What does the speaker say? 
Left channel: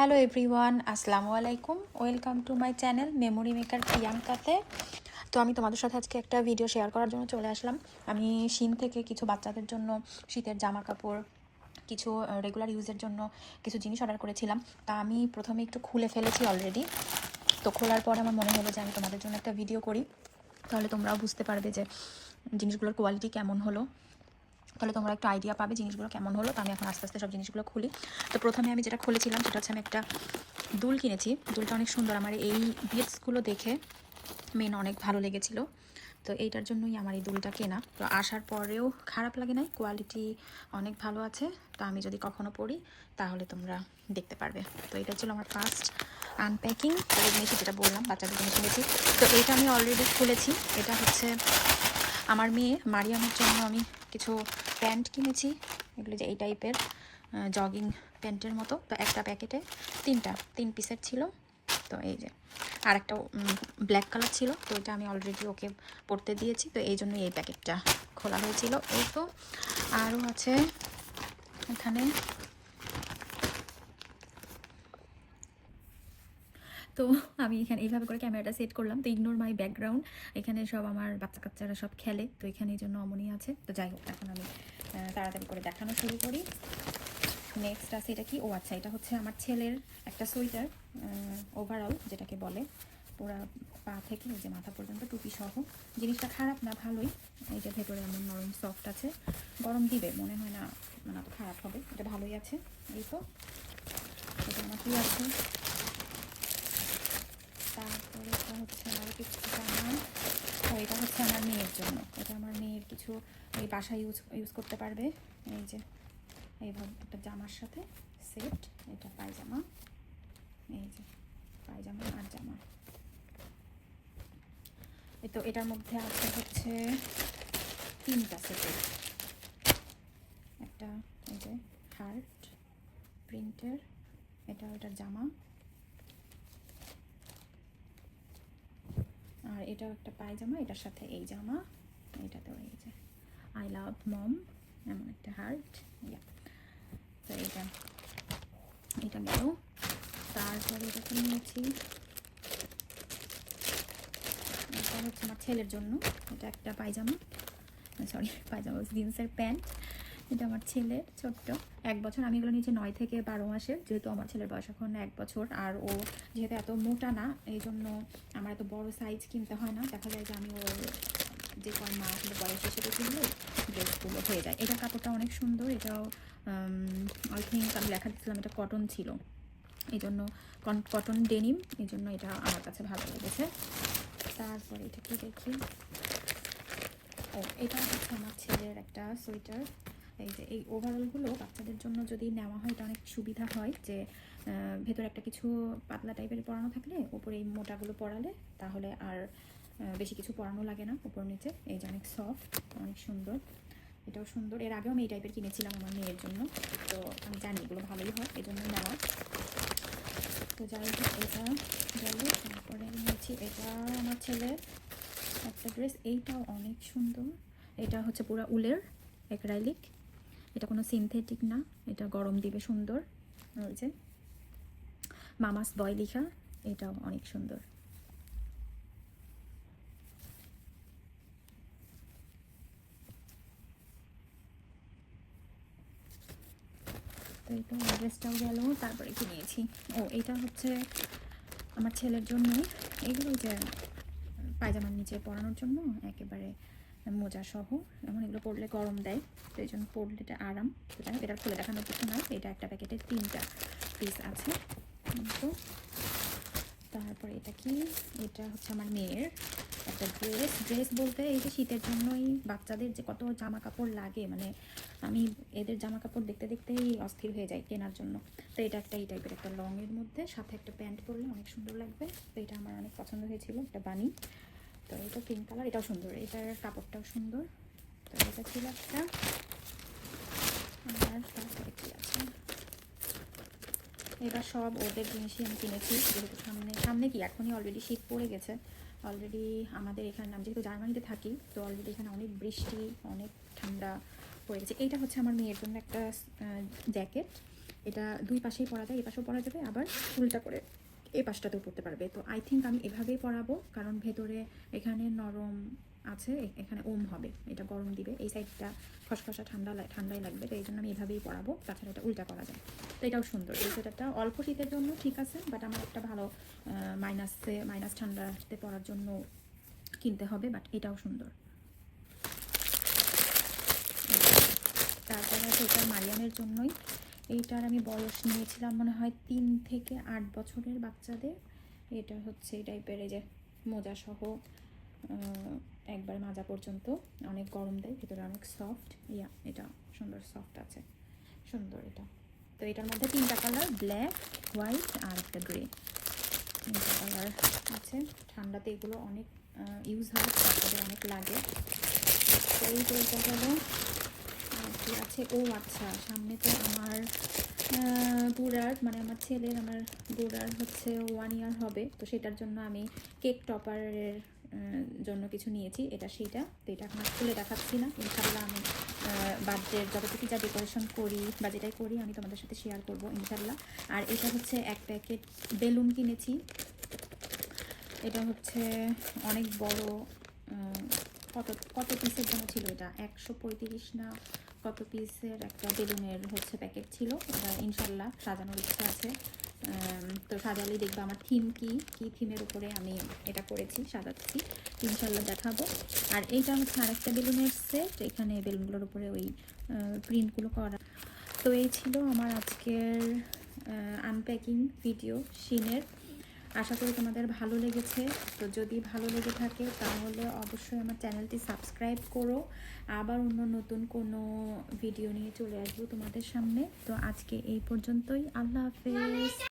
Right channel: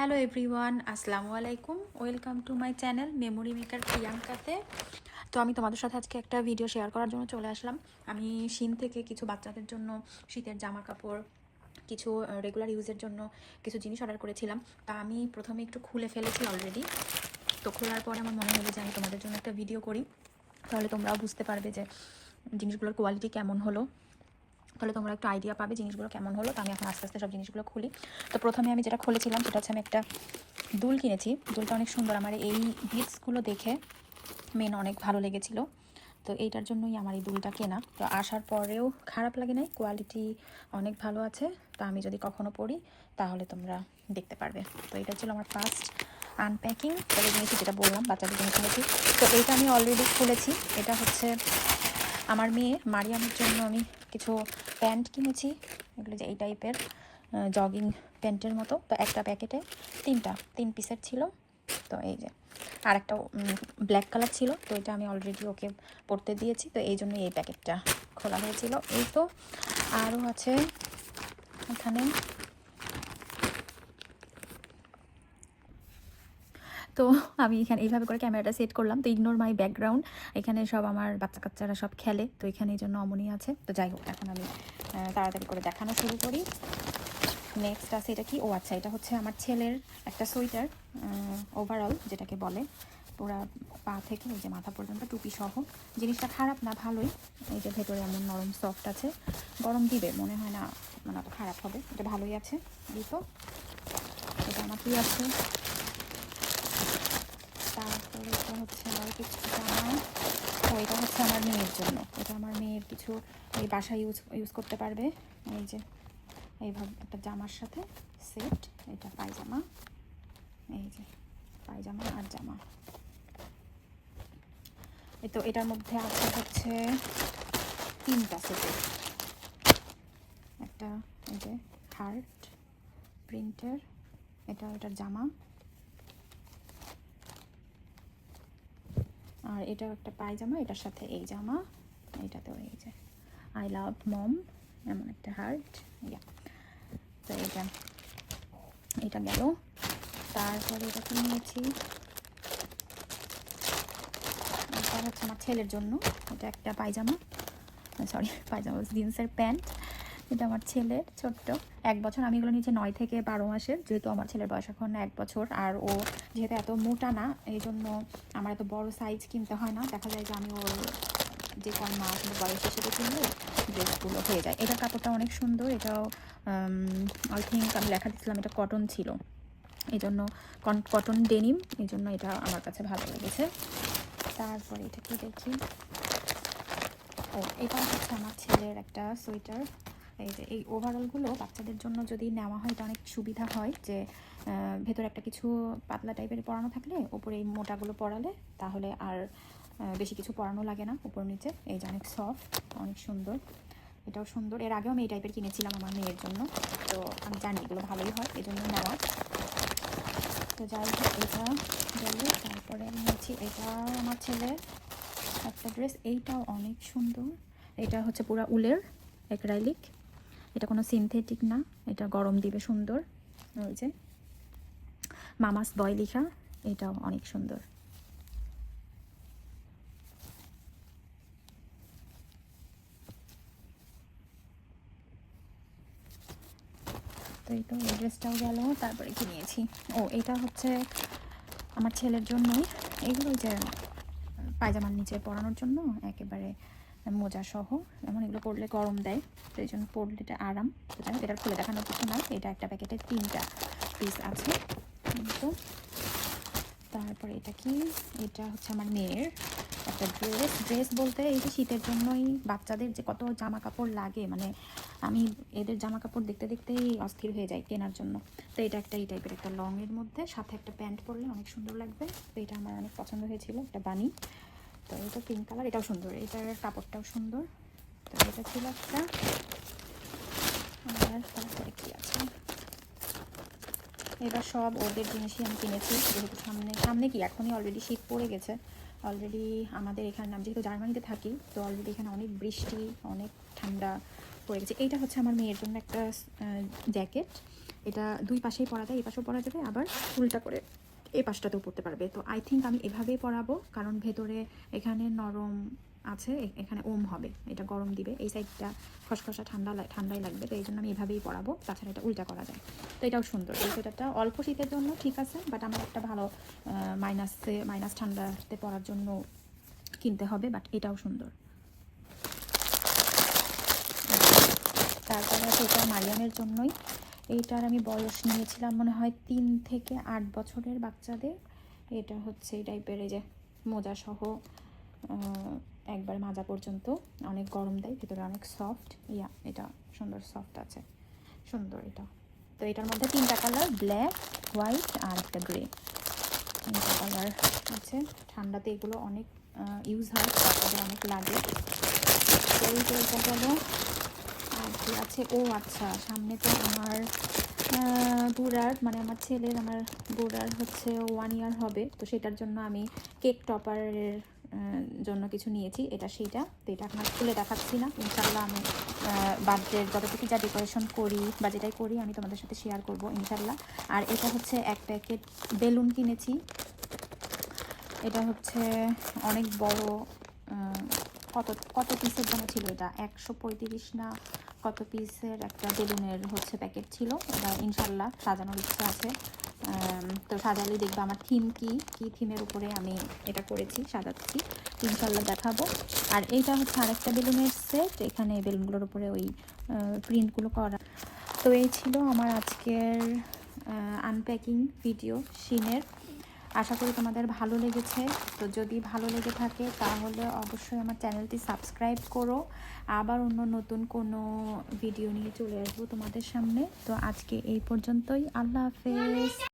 Hello everyone আসসালামু আলাইকুম। Welcome to my channel memory maker প্রিয়াঙ্কাতে তো আমি তোমাদের সাথে আজকে একটা ভিডিও শেয়ার করার জন্য চলে আসলাম। আমি শিন থেকে কিছু বাচ্চাদের জন্য শীতের জামা কাপড় কিছু রেগুলার ইউজের জন্য কিছু জিনিস অর্ডার করেছিলাম। তা আমি প্রথমে একটু খুলে ফেলেছি অলরেডি তো খোলার পর আমার মনে হলো যে আমি তোমাদের জন্য একটা ভিডিও করি। তাহলে তোমরাও বুঝতে পারবে যে জিনিসগুলোর কোয়ালিটি কেমন হলো। তাহলে তোমরা একটু আইডিয়া পাবে জিনিসগুলো কেমন হলো। তো আমি এখন আস্তে আস্তে সব জিনিসগুলো খুলি। তো প্রথমে আমি যেটা খুলেছিলাম সেটা হচ্ছে আমি একটা দুল কিনেছি। দুলটা অনেক সুন্দর। আমার এই বিটসগুলো দেখে মেন অনেক ভালো লেগেছিল। তো এইটার জন্যই আমার এই দুলটা কেনা। তো আসার পরেও খারাপ লাগে নাই। কোয়ালিটি অনেক ভালো আছে। তো আমি যদি কখনো পড়ি তাহলে তোমরা দেখতে পারবে। তো এটা ছিল আমার ফার্স্ট আনপ্যাকিং তাদের জিনিস যেটা বললাম, বাচ্চাদের জন্য কিনেছি। তো এইটা আমি অলরেডি খুলেছি। এটা হচ্ছে আমার মেয়ে মারিয়ামের জন্য আমি কিছু প্যান্ট কিনেছি, এগুলো যে এই টাইপের জগিং প্যান্টের মতো। তো একটা প্যাকেটে তিনটা, তিন পিসের ছিল। তো এই যে আর একটা ব্ল্যাক কালার ছিল। তো এটা আমি অলরেডি ওকে পড়তে দিয়েছি। তো এই জন্য এই প্যাকেটটা খোলা হয়েছিল। এই তো আরও আছে এখানে তো আমি এখানে এইভাবে করে ক্যামেরাটা সেট করলাম। তো ইগনোর মাই ব্যাকগ্রাউন্ড এখানে সব আমার বাচ্চা কাচ্চারা সব খেলে, তো এখানে এই জন্য অমনি আছে। তো যাই হোক, এখন আমি তাড়াতাড়ি করে দেখানো শুরু করি। নেক্সট আছে এটা কি? ও আচ্ছা এটা হচ্ছে আমার ছেলের একটা সোয়েটার ওভারঅল যেটাকে বলে। পুরা পা থেকে এই যে মাথা পর্যন্ত টুপি সহ। জিনিসটা খারাপ না, ভালোই। এই যে ভেতরে এমন নরম সফট আছে। গরম দিবে, মনে হয় না মানে খারাপ হবে এটা ভালোই আছে। দিই তো, এটা আমার কি আছে তারপরে এটা জামা তো এটা হচ্ছে আমার মেয়ের জন্য। এটা আমার মেয়ের কিছু এই বাসায় ইউজ ইউজ করতে পারবে। এই যে এইভাবে একটা জামার সাথে সেট এটা পায়জামা। এই যে, পায়জামা আর জামা। এই তো এটার মধ্যে আছে হচ্ছে তিনটা সেটের একটা এই যে হার্ট প্রিন্টের এটা এটার জামা। আর এটা একটা পায়জামা, এটার সাথে এই জামা, এটাতেও এই যে আই লাভ মম এমন একটা হার্ট ইয়া তো এটা এটা গেল তারপরে এটা কি নিয়েছি? হচ্ছে আমার ছেলের জন্য, এটা একটা পায়জামা। সরি পায়জামা জিন্সের প্যান্ট এটা আমার ছেলের ছোট্ট, এক বছর, আমি এগুলো নিয়েছি নয় থেকে বারো মাসের, যেহেতু আমার ছেলের বয়স এখন এক বছর, আর ও যেহেতু এত মোটা না, এই জন্য আমার এত বড় সাইজ কিনতে হয় না। দেখা যায় যে আমি ওর যে কারণ মা কিন্তু বয়স হিসেবে কিনলে ড্রেসগুলো হয়ে যায়। এটার কাপড়টা অনেক সুন্দর, এটাও আই থিঙ্ক আমি লেখা দিচ্ছিলাম এটা কটন ছিল। এই জন্য কটন ডেনিম এই জন্য এটা আমার কাছে ভালো লেগেছে। তারপরে এটা কি দেখছি? ও, এটা হচ্ছে আমার ছেলের একটা সোয়েটার এই যে, এই ওভারঅলগুলো বাচ্চাদের জন্য যদি নেওয়া হয়, এটা অনেক সুবিধা হয় যে ভেতরে একটা কিছু পাতলা টাইপের পরানো থাকলে, উপরে এই মোটাগুলো পরালে তাহলে আর বেশি কিছু পরানো লাগে না উপর নিচে। এই যে অনেক সফট অনেক সুন্দর, এটাও সুন্দর। এর আগেও আমি এই টাইপের কিনেছিলাম আমার মেয়ের জন্য। তো আমি জানি এগুলো ভালোই হয়, এই জন্য নেওয়া। তো যাই হোক, এটা গেল, তারপরে নিয়েছি এটা আমার ছেলে একটা ড্রেস এইটাও অনেক সুন্দর। এটা হচ্ছে পুরো উলের অ্যাক্রাইলিক এটা কোনো সিনথেটিক না, এটা গরম দিবে সুন্দর। ওই যে, মামাস বয় লিখা, এটাও অনেক সুন্দর। তো এই তো ড্রেসটাও গেল, তারপরে কি নিয়েছি। ও, এটা হচ্ছে আমার ছেলের জন্যই এগুলো যে পায়জামার নিচে পরানোর জন্য একেবারে মোজা সহ এমন এগুলো পরলে গরম দেয় তো এই জন্য পরলে এটা আরাম। এটা খুলে দেখানোর কিছু না, এটা একটা প্যাকেটে তিনটা পিস আছে। তো তারপরে এটা কি? এটা হচ্ছে আমার মেয়ের একটা ড্রেস ড্রেস বলতে এই যে শীতের জন্যই বাচ্চাদের যে কত জামা কাপড় লাগে মানে আমি এদের জামা কাপড় দেখতে দেখতেই অস্থির হয়ে যাই কেনার জন্য। তো এটা একটা এই টাইপের একটা লংয়ের মধ্যে, সাথে একটা প্যান্ট পরলে অনেক সুন্দর লাগবে। তো এটা আমার অনেক পছন্দ হয়েছিল, একটা বানি তো এটা পিঙ্ক কালার এটাও সুন্দর। এটার কাপড়টাও সুন্দর। তো এটা ছিল একটা আছে। এবার সব ওদের জিনিসই আমি কিনেছি, যেহেতু সামনে সামনে কি, এখনই অলরেডি শীত পড়ে গেছে। অলরেডি আমাদের এখানে, আমি যেহেতু জার্মানিতে থাকি, তো অলরেডি এখানে অনেক বৃষ্টি, অনেক ঠান্ডা পড়ে গেছে। এইটা হচ্ছে আমার মেয়ের জন্য একটা জ্যাকেট এটা দুই পাশেই পরা যায় এই পাশেও পরা যাবে, আবার উল্টা করে। এই পাশটাতেও পড়তে পারবে। তো আই থিঙ্ক আমি এভাবেই পরাবো কারণ ভেতরে এখানে নরম আছে এখানে ওম হবে, এটা গরম দিবে। এই সাইডটা খসখসা ঠান্ডা ঠান্ডাই লাগবে, তো এই জন্য আমি এভাবেই পরাবো তাছাড়া এটা উল্টা করা যায়। তো এটাও সুন্দর। এই সোয়েটারটা অল্প শীতের জন্য ঠিক আছে বাট আমার একটা ভালো মাইনাসে মাইনাস ঠান্ডাতে পরার জন্য কিনতে হবে বাট এটাও সুন্দর। তারপরে এটা মারিয়ামের জন্যই। এইটার আমি বয়স নিয়েছিলাম মনে হয় তিন থেকে আট বছরের বাচ্চাদের। এটা হচ্ছে এই টাইপের এই যে মোজা সহ একবার মাজা পর্যন্ত। অনেক গরম দেয়, ভিতরে অনেক সফট ইয়া, এটা সুন্দর সফট আছে। সুন্দর এটা। তো এটার মধ্যে তিনটা কালার ব্ল্যাক হোয়াইট আর একটা গ্রে তিনটা কালার আছে। ঠান্ডাতে এগুলো অনেক ইউজ হয় অনেক লাগে। তো এই যে আছে ও আচ্ছা সামনে তো আমার বুড়ার মানে আমার ছেলের, আমার বুড়ার হচ্ছে ওয়ান ইয়ার হবে, তো সেটার জন্য আমি কেক টপারের জন্য কিছু নিয়েছি, এটা সেইটা, তো এটা আর খুলে দেখাচ্ছি না ইনশাল্লাহ আমি বার্থডের যতটুকু যা ডেকোরেশন করি বা যেটাই করি আমি তোমাদের সাথে শেয়ার করব ইনশাল্লাহ আর এটা হচ্ছে এক প্যাকেট বেলুন কিনেছি, এটা হচ্ছে অনেক বড় কত কত পিসের জন্য ছিল এটা? একশো পঁয়ত্রিশ না কত পিসের একটা বেলুনের হচ্ছে প্যাকেট ছিল? এটা ইনশাল্লাহ সাজানোর ইচ্ছা আছে। তো সাজালে দেখবে আমার থিম কি কি থিমের উপরে আমি এটা করেছি, সাজাচ্ছি। ইনশাল্লাহ দেখাবো। আর এইটা হচ্ছে আরেকটা বেলুনের সেট এখানে বেলুনগুলোর উপরে ওই প্রিন্টগুলো করা। তো এই ছিল আমার আজকের আনপ্যাকিং ভিডিও শিনের আশা করি তোমাদের ভালো লেগেছে। তো যদি ভালো লেগে থাকে, তাহলে অবশ্যই আমার চ্যানেলটি সাবস্ক্রাইব করো। আবার অন্য নতুন কোনো ভিডিও নিয়ে চলে আসব তোমাদের সামনে। তো আজকে এই পর্যন্তই। আল্লাহ হাফেজ।